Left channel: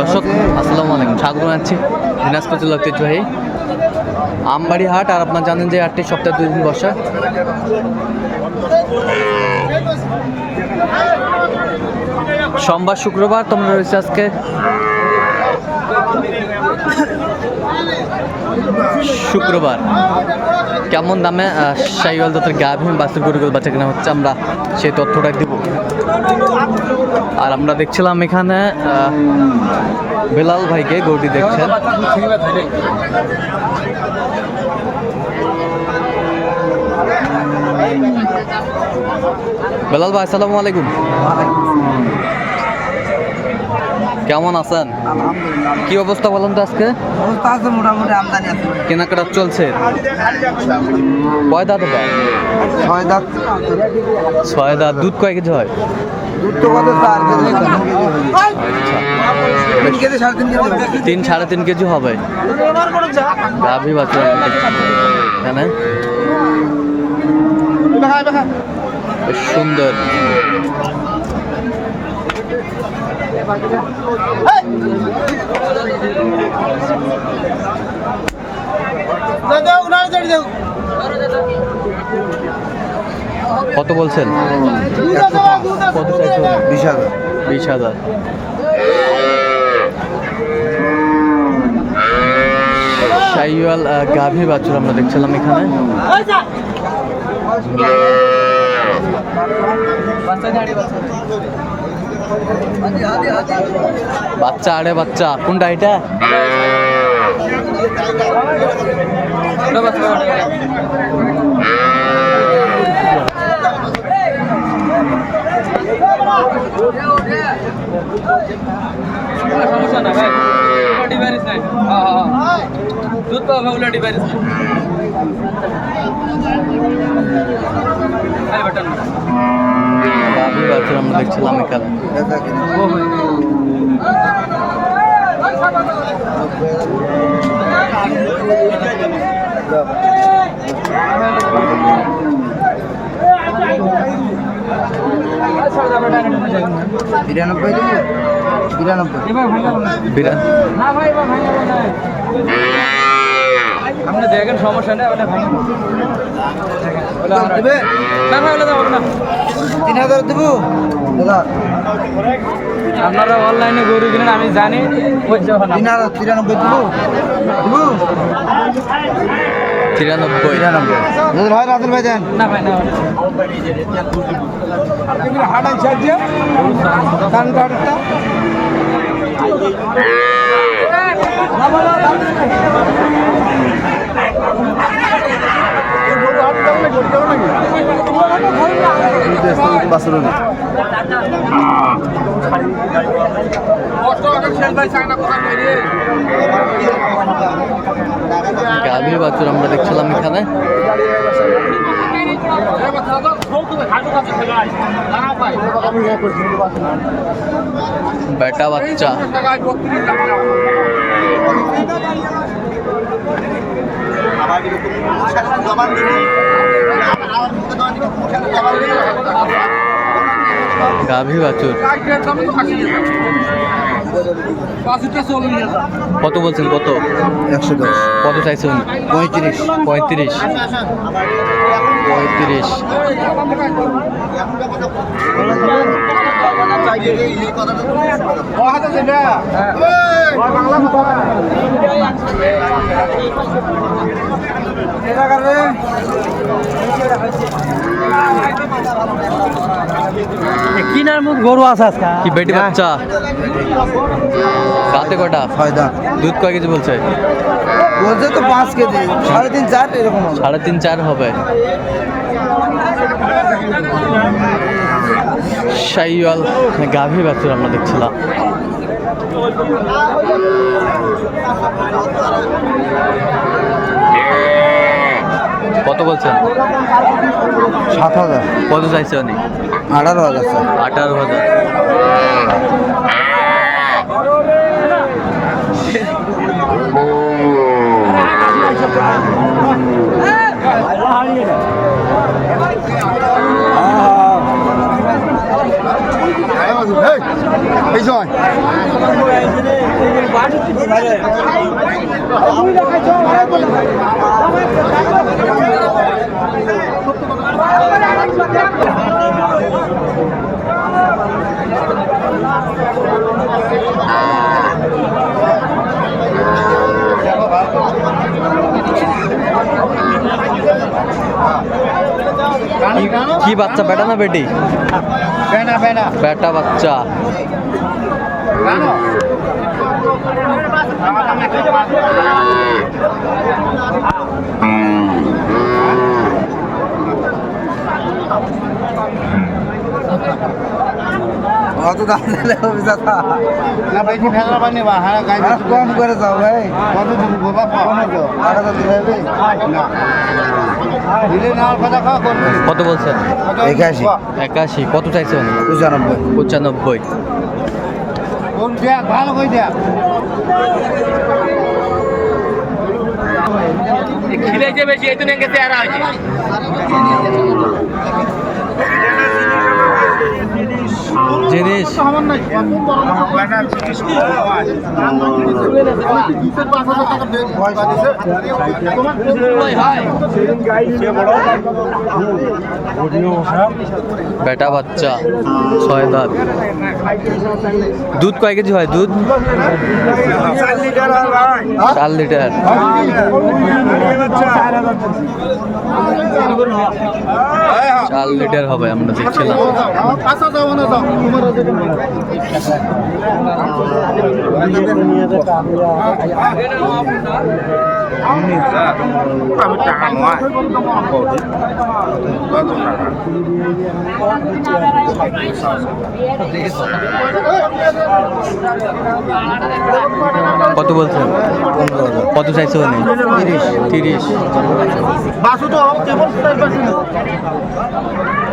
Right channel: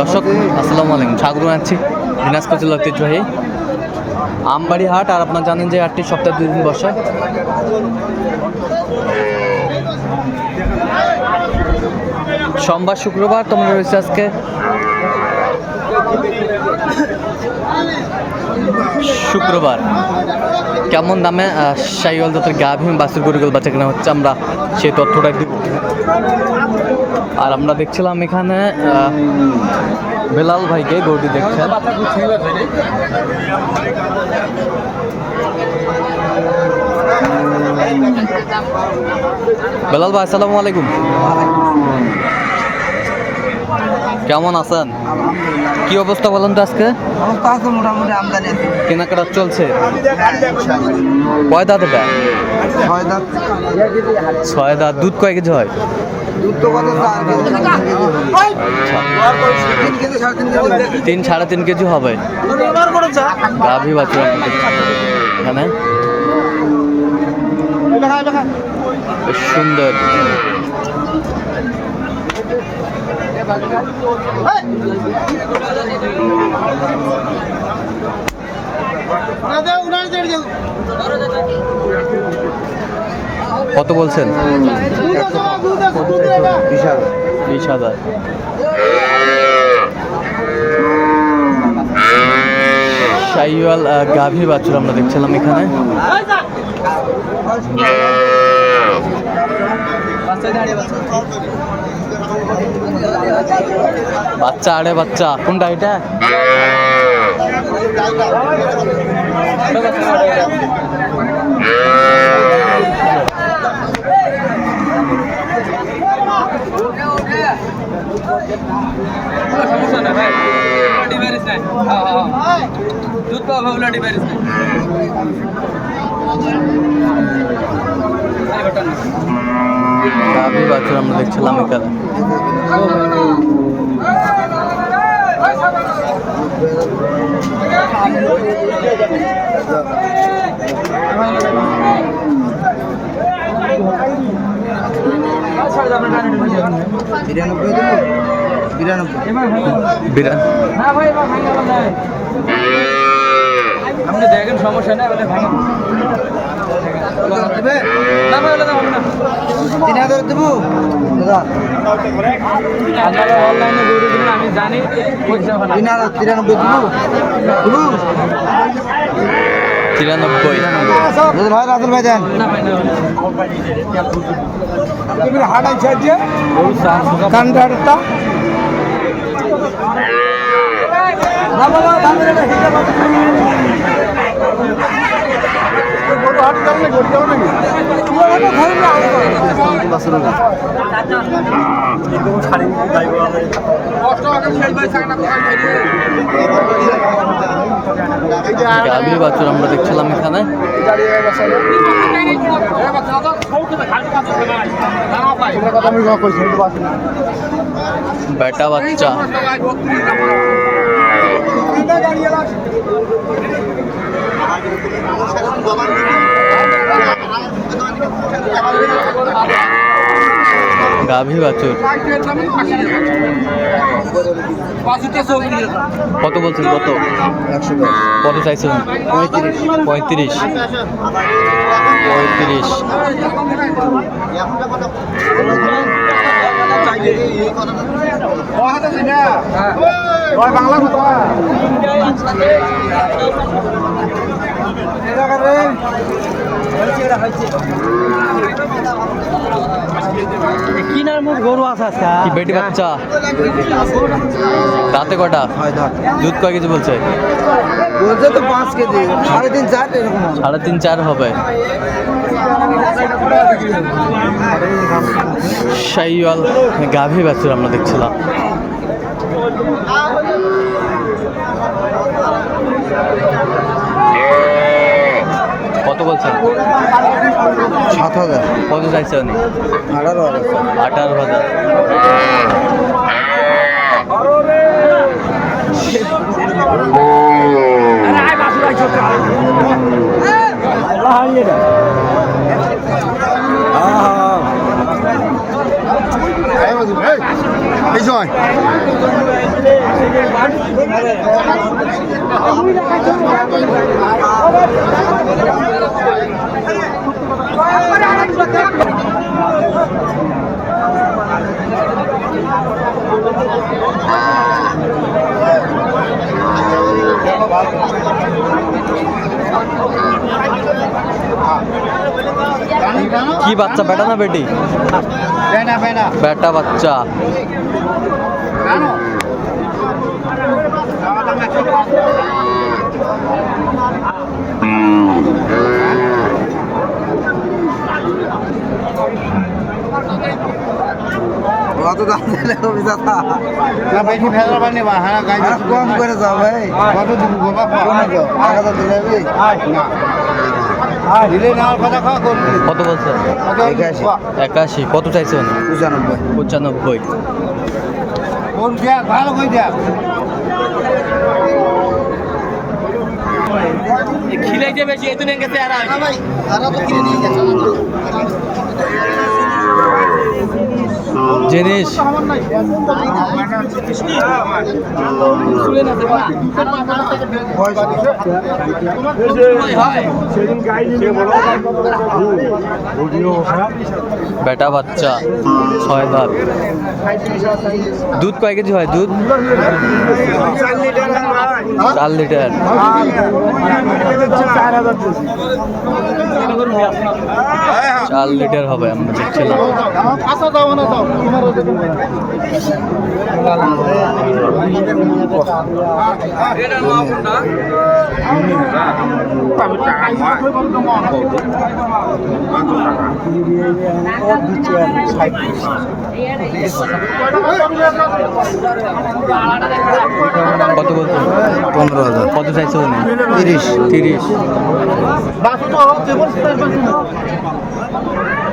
দর্শক, আসসালামু আলাইকুম। স্বাগত জানাচ্ছি দিনাজপুর জেলা ঐতিহ্যবাহী আমবাড়ি হাট। আর আপনারা জানেন যে হাটটি সপ্তাহে দুই দিন বসে। সোমবার, শুক্রবার তোমরা রয়েছে আজকে। শুক্রবার। কেমন দামে সাইওয়াল জাতের গাভী বাসের গরুগুলো বাচ্চা কেনা হচ্ছে আমরা সেই তথ্যটা দিব। আর আমরা দেখছিলাম এখানে বেলাল ভাইকে গরুটি দেখছেন। বেলাল ভাই আসসালামু আলাইকুম। কেমন আছেন? কি অবস্থা বলেন তো আজকে? অবস্থা আছে মোটামুটি আমদানি আছে। কেনাকাটা চলছে। কয় দাঁত এটা? ছয় দাঁত। ছয় দাঁত দুধ কয় কেজি হয়? তিন সাড়ে তিন কেজি হবে। গাভী বাছুর আমরা দেখছি এখানে। বেশ সুন্দর। কত বলছেন? বিশ হাজার। শাইওয়াল গাভী বাছুর আমরা দেখছিলাম এখানে। বাচ্চা, আরে বাচ্চা, কোনটা এটা? সমস্যা না ভাই ডিভারিস নাই দুধ পাবো ওগুলো ডিভারিস নাই গাভী বাছুর আমরা দেখছিলাম এখানে Thank you. বিরানব্বই দেবো? বিরানব্বই। বিরান না ভাই আপনি দেখেন সমস্যা না আপনি ভাঙা। দেবে? না ভাই ওগুলো হবে না। তিন হাজার দেবো? দাদা। আপনারা অনলাইনে গরু কিনেন আমি জানি। তিন হাজার তিরানব্বই দেবো? দেবো? তিরানব্বই। ভাই রাজুল ভাই দেন। না ভাই না হাট আছে আজকে গাভী আমরা দেখছিলাম এখানে। বেটা বাচ্চা। গাভী বাছুর কত বলছেন কত? একশো দশ কত চাইছেন পঁয়ত্রিশ পঁয়ত্রিশ। পঁয়ত্রিশ। কিনার মুখ গরু আছে কি বেটি বাচ্চা? রাতে কটা? দুধ কয় কেজি বলছে? বলছে তো পাঁচ কেজি। সাড়ে তিন চার এরকম সাড়ে তিন চার হবে। শাইওয়াল গাভী বাছুর আমরা দেখছিলাম। কত বলছেন? সাত হাজার। কত চাইছে উনি? আঠারো হাজার আঠারো হাজার। এই জয়। কি বাচ্চা বেটা না বেটি বেনা বেনা বেটা বাচ্চা অত দাম দিলে হবে দাদা না বেশি ফেলা পানি বা হ্যাঁ গাই কম করে যাও ভাই কত দিব বাবা কোনো দিলে হবে না দিলে নেওয়ার কথা খাওয়া করবি কত বলছেন? একাশি। একাশি। কত চাইছে পঁচানব্বই। পঁচানব্বই। কোন দেখ ভালো কই দেখ খিলাইছে বেশি এই তুমি গেছে আর জিনিস বেটা বাচ্চা, ছয় দাঁত। দুধ কয় কেজি হয় দুধ? চার লিটার। চার লিটার হবে, আমরা দেখছিলাম। কত বলছেন? পনেরো হাজার। কত চাইছে তিরিশ। তিরিশ। বাসু তো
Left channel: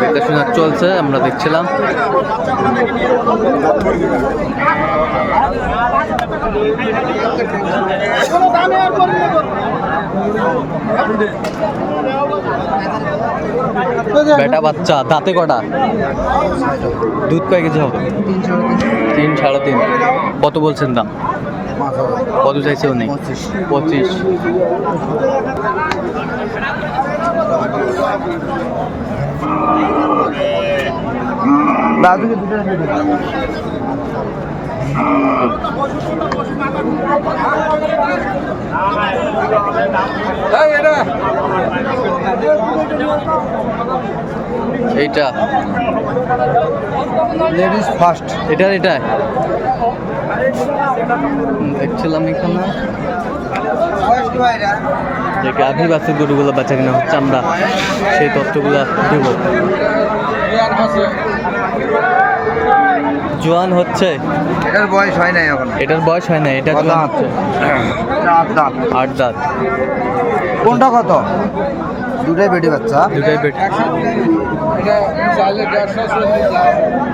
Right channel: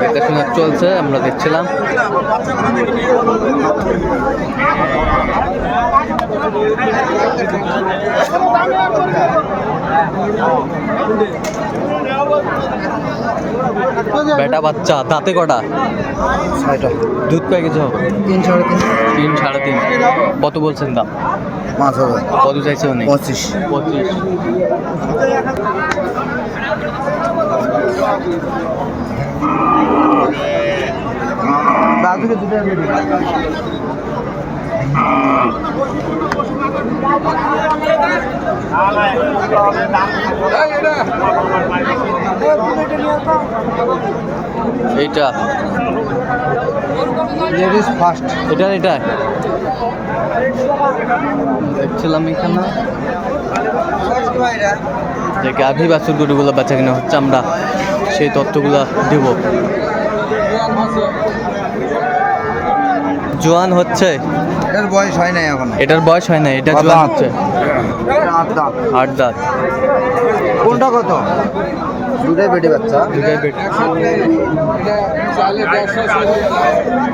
দেখাশোনা চলছে আমরা দেখছিলাম। বেটা বাচ্চা দাঁতে কটা? ছয়টা। দুধ কয় কেজি হবে? তিন সাড়ে তিন। তিন সাড়ে তিন। কত বলছেন দাম? পাঁচ হাজার। কত চাইছে উনি? পঁচিশ। পঁচিশ। দাদুকে দুটো এইটা। লেডিস ফার্স্ট এটা এটা। দেখছিলাম এখানে। যে গাভী বাছুর গরুগুলো বেচা কিনা হচ্ছে আমরা সেই তথ্যগুলো দেব। জোয়ান হচ্ছে। এটার বয়স হয় নাই এখন। এটার বয়স হয় না এটা জোয়ান। হচ্ছে। আট দাঁত। কোনটা কত? দুটোই বেটে বাচ্চা। দুটাই পেট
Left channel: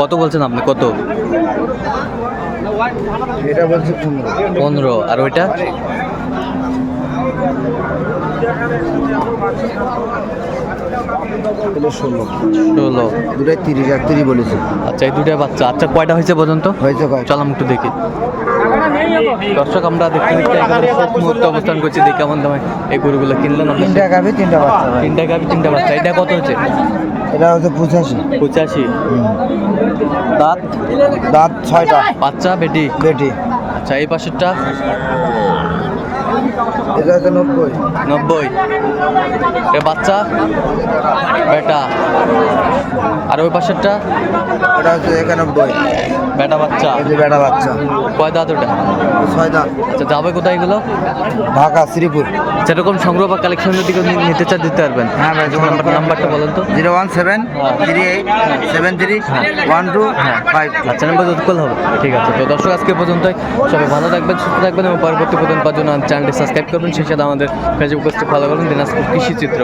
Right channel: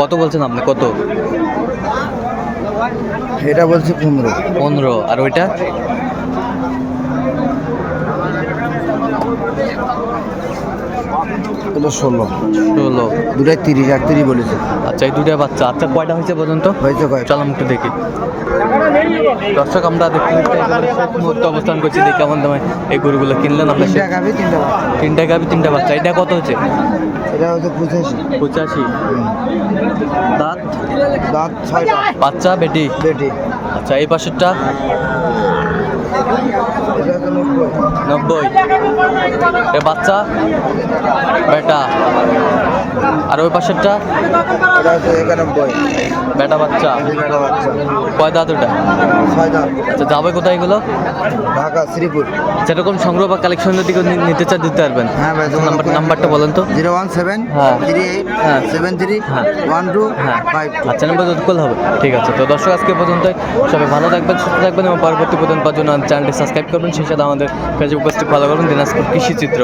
কত বলছেন আপনি? কত? এটা বলছি পনেরো। পনেরো। আর ওইটা? ষোলো। ষোলো। দুটাই তিরিশ আর তিরিশ বলেছে। আচ্ছা এই দুটা বাচ্চা। আচ্ছা কয়টা হয়েছে পর্যন্ত হয়েছে চল আমি একটু দেখি। দর্শক আমরা দেখতে দেখতে একেবারে শেষ মুহূর্তে অবস্থান করছি। দেখি কেমন দামে এই গরুগুলো কিনলেন আপনার তিনটা গাভি তিনটা বাচ্চা। তিনটা গাবি তিনটা বাচ্চা। এটা কত হচ্ছে? এটা হচ্ছে পঁচাশি। পঁচাশি। দাঁত? দাঁত ছয়টা। বাচ্চা বেটি? বেটি। আচ্ছা এই পাশেরটা? হচ্ছে নব্বই। এ বাচ্চা? বেটা? আর ওই পাশেরটা? বেটা বাচ্চা? বেটা বাচ্চা কয় দাঁত ওটা? আচ্ছা যাবে কোথায় এগুলো? ঢাকা শ্রীপুর। যেরকম সংগ্রহ বা কালেকশন যদি নিতে চান দিতে পারবেন। হ্যাঁ ভাই নাম্বার নাম্বারটা বলেন তো। জিরো ওয়ান সেভেন হ্যাঁ। থ্রি এইট সেভেন থ্রি হ্যাঁ। ওয়ান টু হ্যাঁ। ফাইভ আচ্ছা নাম্বার যত কল হবে। ঠিক আছে তো দর্শক আজকে পর্যন্তই। সবাই ভালো থাকবেন সুস্থ থাকবেন এবং পরবর্তী পর্যন্ত পাওয়ার জন্য চ্যানেলটি সাবস্ক্রাইব করবেন। সেই সাথে আমাদের ফেসবুক পেজটি ফলো করবেন। দিনাজপুর কৃষি চিত্র।